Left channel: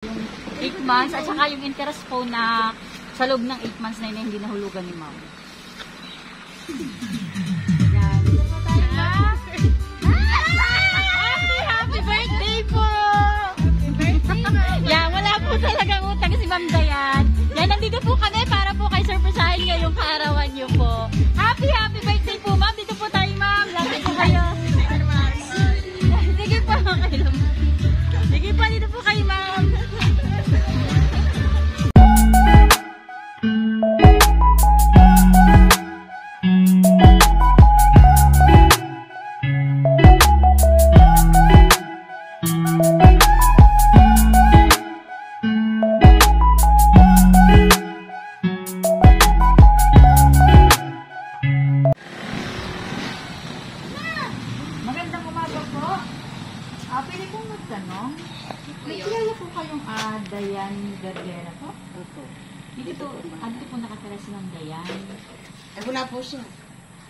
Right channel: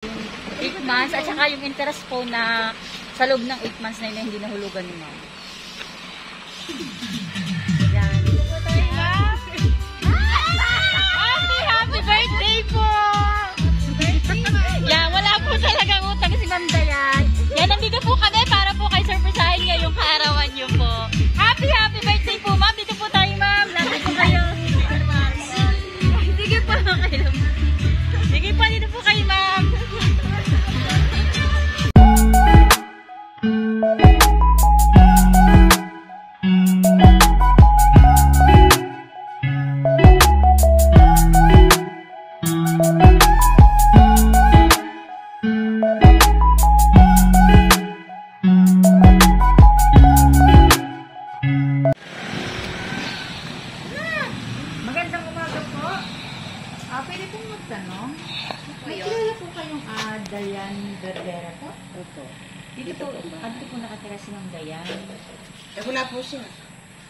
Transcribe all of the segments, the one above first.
8 months at saka yung interest po na sa loob ng 8 months na yun hindi nahulugan ni ma'am. Yan. Happy birthday po! Yan, wala po talagang utang si Ma'am Dayan. Yan, nandito po kami para po kay surprisahin ngayong kaarawan niyo po. Happy birthday po ma'am! Dito po tayo ma'am! Lapit po kayo! Sige po kayo. Sige po, dito po kayo ma'am! Magandang umaga po. Pwede pong magtanong. May kilala po kayong Dayan Verdera po? Opo. Dito po nakatira si Ma'am Dayan. Wala po siya.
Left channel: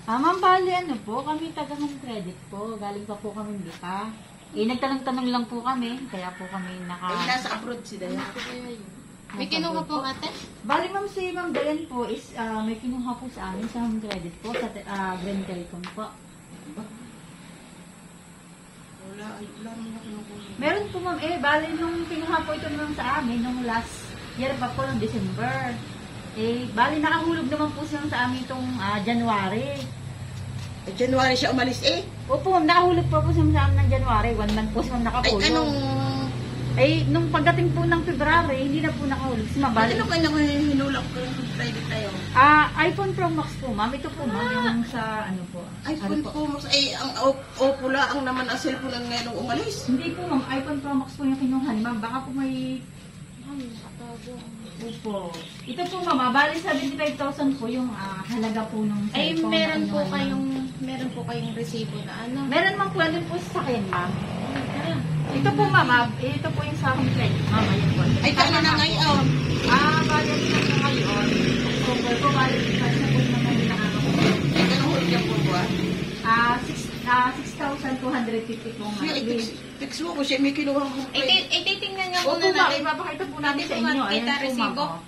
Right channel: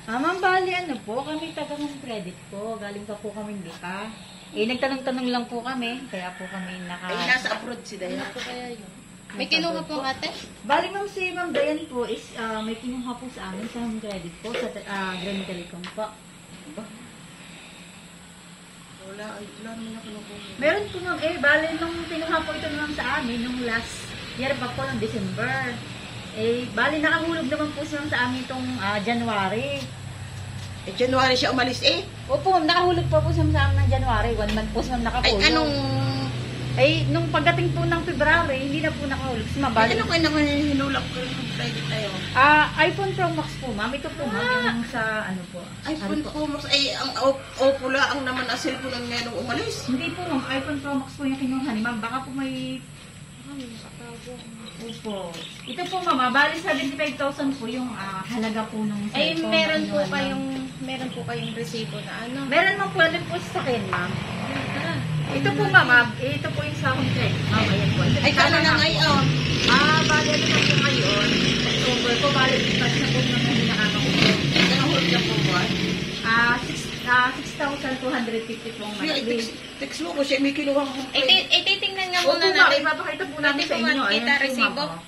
Ma'am, bali ano po, kami taga ng credit po. Galing pa po kami Lipa. Nagtanong-tanong lang po kami, kaya po kami Nasa abroad si Dayan. Ano po kaya yun? May kinuha po ate? Bali ma'am, si Ma'am Dayan po is may kinuha po sa amin sa home credit po, sa Grand Telecom po. Wala naman ako nung kuha. Meron po ma'am, bali nung kinuha po ito naman sa amin, nung last year pa po, ng December. Bali nakahulog naman po siya sa amin itong January. January siya umalis Opo ma'am, nakahulog pa po siya sa amin ng January. 1 month po siya nakahulog. Nung pagdating po ng February, hindi na po nakahulog. Si ma'am, bali. Ano kayo naman hinulak ko yung credit na yun? iPhone Pro Max po ma'am. Ito po ma'am, yung sa ano po. iPhone Pro Max, ang pula ang naman ang cellphone ang merong umalis. Hindi po ma'am, iPhone Pro Max po yung kinuha ni ma'am. Baka po may... Opo. Ito po ma'am, bali 75,000 po yung halaga po nung cellphone. Meron po kayong resibo na ano? Meron mong pwede po sa akin ma'am. Ito po ma'am, ito po yung sa akong credit. Ayan po. Paano na ngayon? Bali ano na po ngayon. October po, bali pas na po naman yung nakakapagod. Nahulog niya po ba? 6,250 po ngayon. Text mo ko siya, may kinuha ko. Ititingnan nga Opo muna ma'am, natin. mapakita po namin sa inyo. Kita Ayan po resibo. ma'am.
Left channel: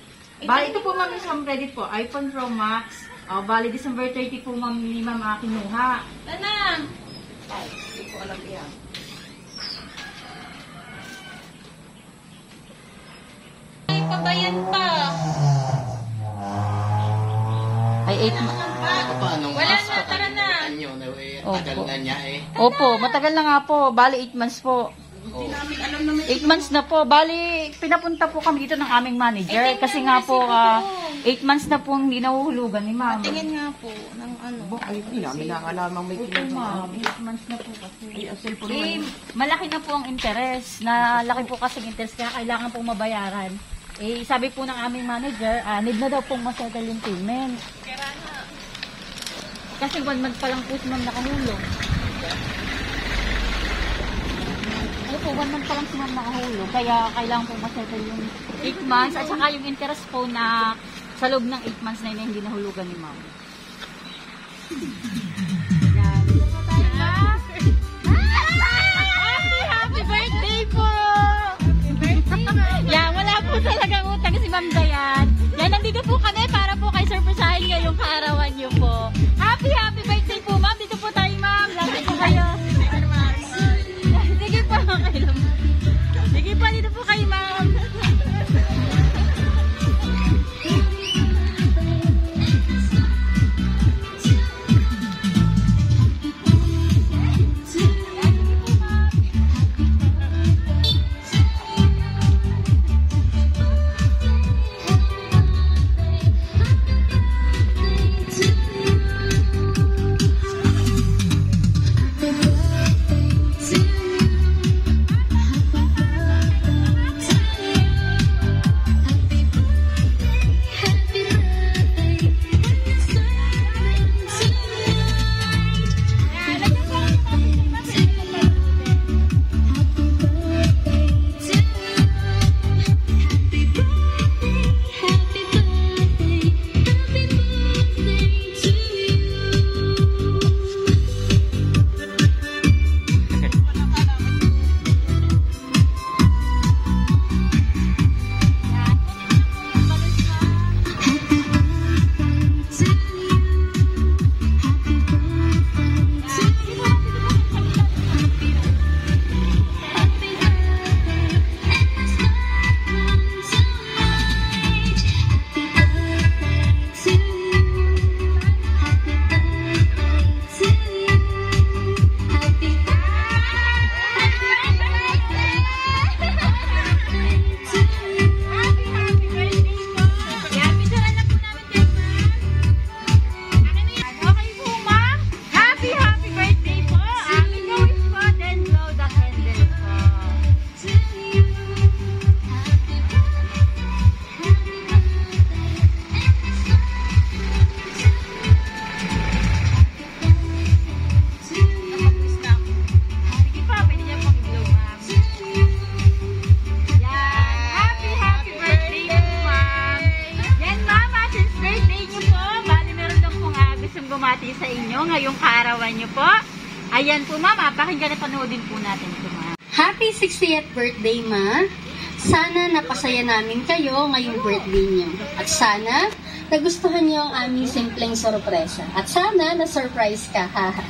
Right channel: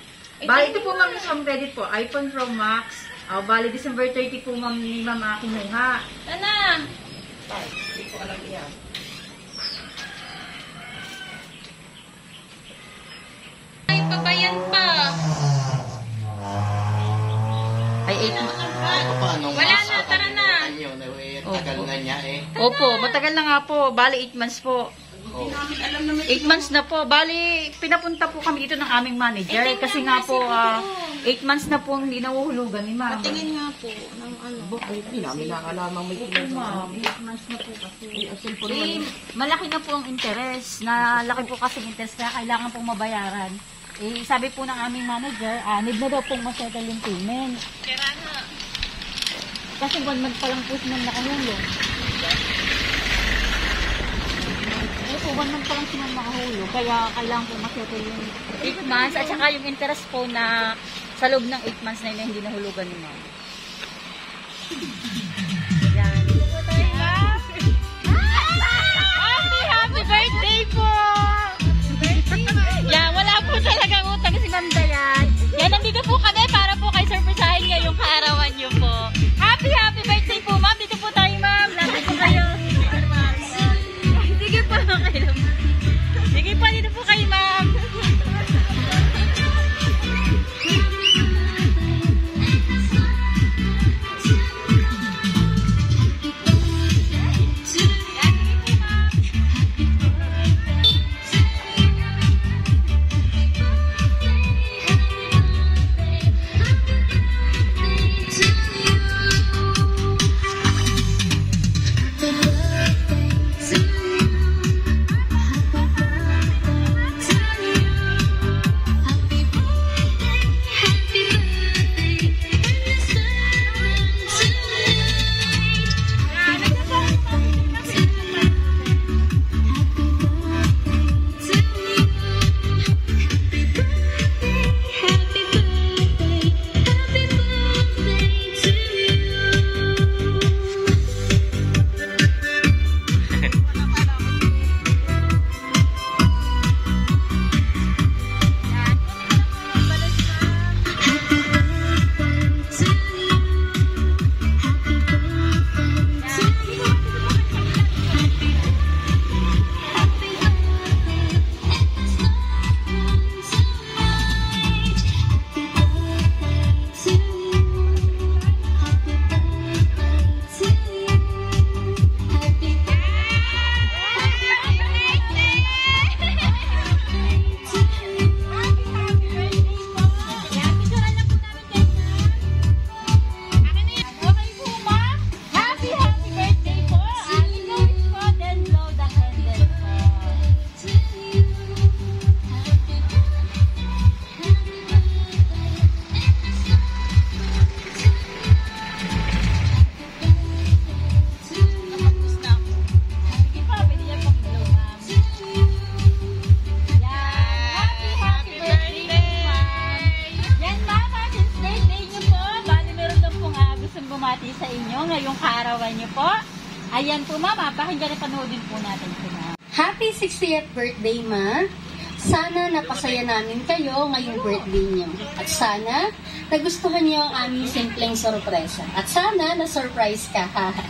Bali ito po ma'am yung home credit po. iPhone Pro Max. Bali December 30 po ma'am ni ma'am kinuha. Tanang! Ay, hindi ko alam yan. Ay, pabayan pa. Ay, 8 Paano Wala na, tara na. Tagal na niya Opo, matagal na nga po. Bali 8 months po. Hindi namin alam na may 8 months na po. Bali, pinapunta po kami dito ng aming manager. Kasi nga po, 8 months na po hindi nahuhulugan ni ma'am. Tingin nga po ng ano. Ay, hindi namin nakalamang may Opo kinuha. ma'am, 8 months na po kasi. Ay, ang cellphone naman yun. Malaki na po ang interest. Na laki po kasi interest kaya kailangan pong mabayaran. Sabi po ng aming manager, need na daw pong masettle yung payment. Kasi 1 month pa lang po si ma'am nakahulog. Opo, 1 month pa lang si ma'am nakahulog. Kaya kailangan po masettle yung 8 months at saka yung interest po na sa loob ng 8 months na yun hindi nahulugan ni ma'am. Yan. Happy birthday po! Yan, wala po talagang utang si Ma'am Dayan. Yan, nandito po kami para po kay surprisahin ngayong kaarawan niyo po. Happy birthday po ma'am! Dito po tayo ma'am! Lapit po kayo! Sige po kayo. Sige po, dito po kayo ma'am! kaarawan niyo po. Ayan po ma'am, pakinggan at panoodin po natin po ma'am. Happy 60th birthday, Ma! Sana napasaya namin kayo ngayong birthday niyo. At sana nagustuhan niyo ang aming simpleng sorpresa. At sana na-surprise ka, haha.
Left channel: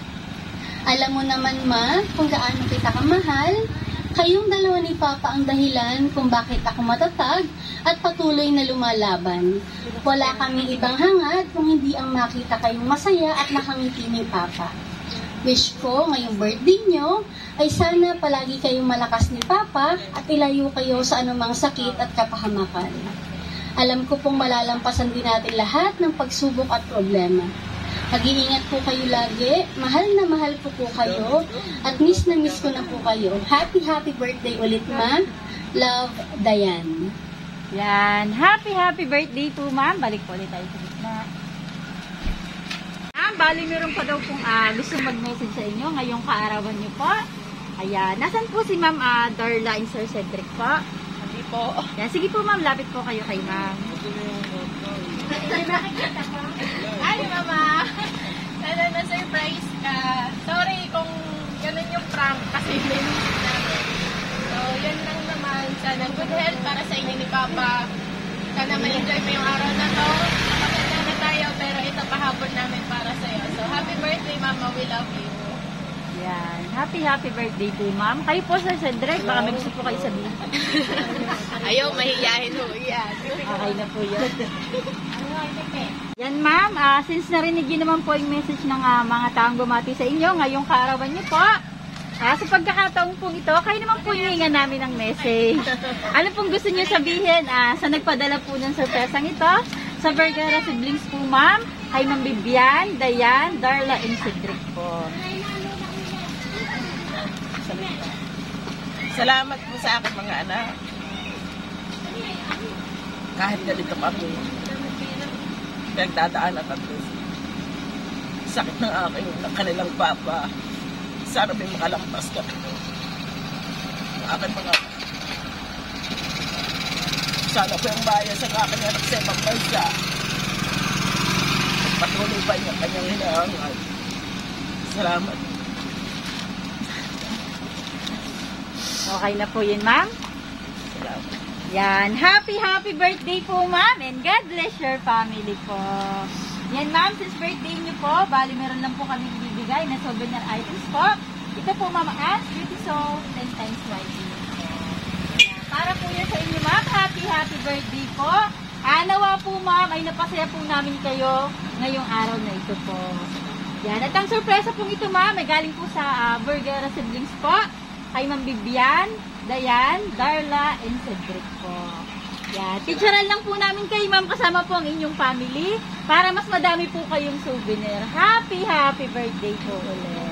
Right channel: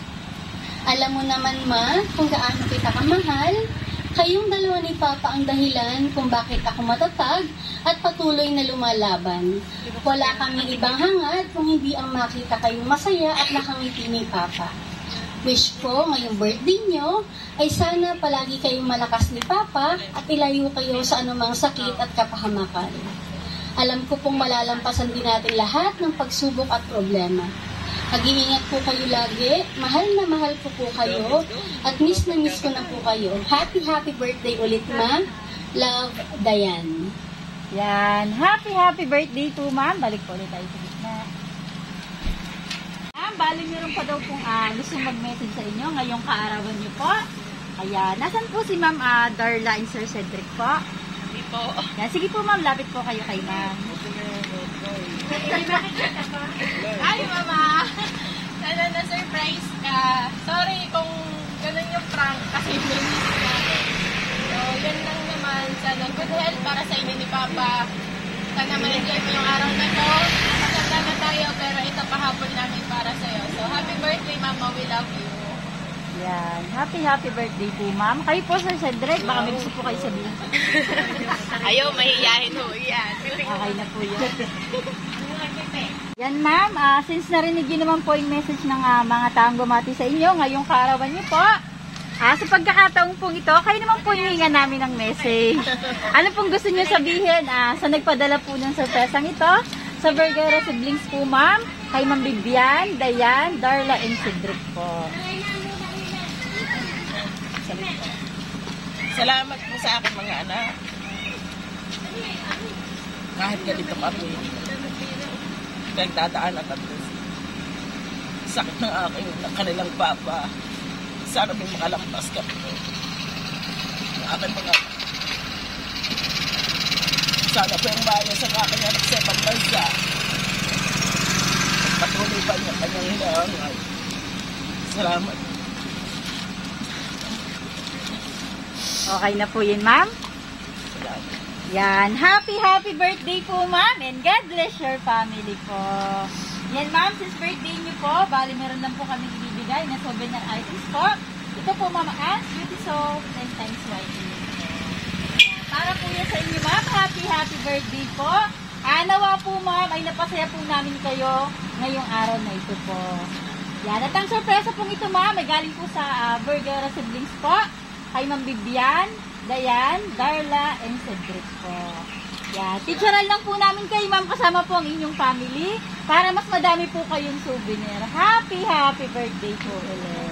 Alam mo naman, Ma, kung gaano kita kamahal. Kayong dalawa ni Papa ang dahilan kung bakit ako matatag at patuloy na lumalaban. Wala kaming ibang hangad kung hindi ang makita kayong masaya at nakangiti ni Papa. Wish ko ngayong birthday nyo ay sana palagi kayong malakas ni Papa at ilayo kayo sa anumang sakit at kapahamakan. Alam ko pong malalampasan din natin lahat ng pagsubok at problema. Mag-iingat po kayo lagi, mahal na mahal ko po kayo, at miss na miss ko na po kayo. Happy birthday ulit, Ma. Love, Dayan. Yan, happy birthday to ma'am. Balik po ulit tayo sa gitna. Bali meron pa daw pong gusto mag-message sa inyo ngayong kaarawan niyo po. Ayan, nasan po si ma'am Darla and Sir Cedric po? Hindi po. Yan, sige po ma'am, lapit po kayo kay ma'am. Ay, mama. Sana na-surprise ka. Sorry kung ganun yung prank kasi linis natin. So, yun lang naman. Sana good health para sa inyo ni Papa. Sana ma-enjoy mo yung araw na to. Napasanda na tayo pero ito pahapon namin para sa'yo. So, happy birthday, Mama. We love you. Yan, happy birthday po ma'am. Kayo po Sir Cedric, baka may gusto po kayo sabihin. Ayaw, mahihiyahin mo. Yan. Okay na po yun. Yan ma'am, since narinig niyo naman po yung message ng mga taong gumati sa inyo ngayong kaarawan niyo po, sa pagkakataong po ito, kayo naman po hihingan namin ng message. Ano pong gusto niyo sabihin sa nagpadala po ng sorpresang ito? Sa Vergara siblings po ma'am, kay Ma'am Bibian, Dayan, Darla, and Cedric po. Salamat po sa aking mga anak. Kahit ganito kami, nagdadaanan kami. Sakit ng kanilang papa. Sana may makalampas kami. Ang aking mga anak. Sana po yung bayan sa aking anak sa ibang bansa. Patuloy pa niya kanyang hinahangal. Salamat. Okay na po yun ma'am. Salamat. Yan, happy birthday po ma'am and God bless your family po. Yan ma'am, since birthday niyo po, bali meron lang po kami ibibigay na souvenir items po. Ito po ma'am Anne's Beauty Soap 10 times whitening po. Yan, para po yan sa inyo ma'am, happy birthday po. Nawa po ma'am ay napasaya po namin kayo ngayong araw na ito po. Yan, at ang sorpresa pong ito ma'am ay galing po sa Vergara siblings po. Kay Ma'am Bibian, Dayan, Darla, and Cedric po. Yan. Picturean lang po namin kayo, ma'am, kasama po ang inyong family para mas madami po kayong souvenir. Happy birthday po ulit.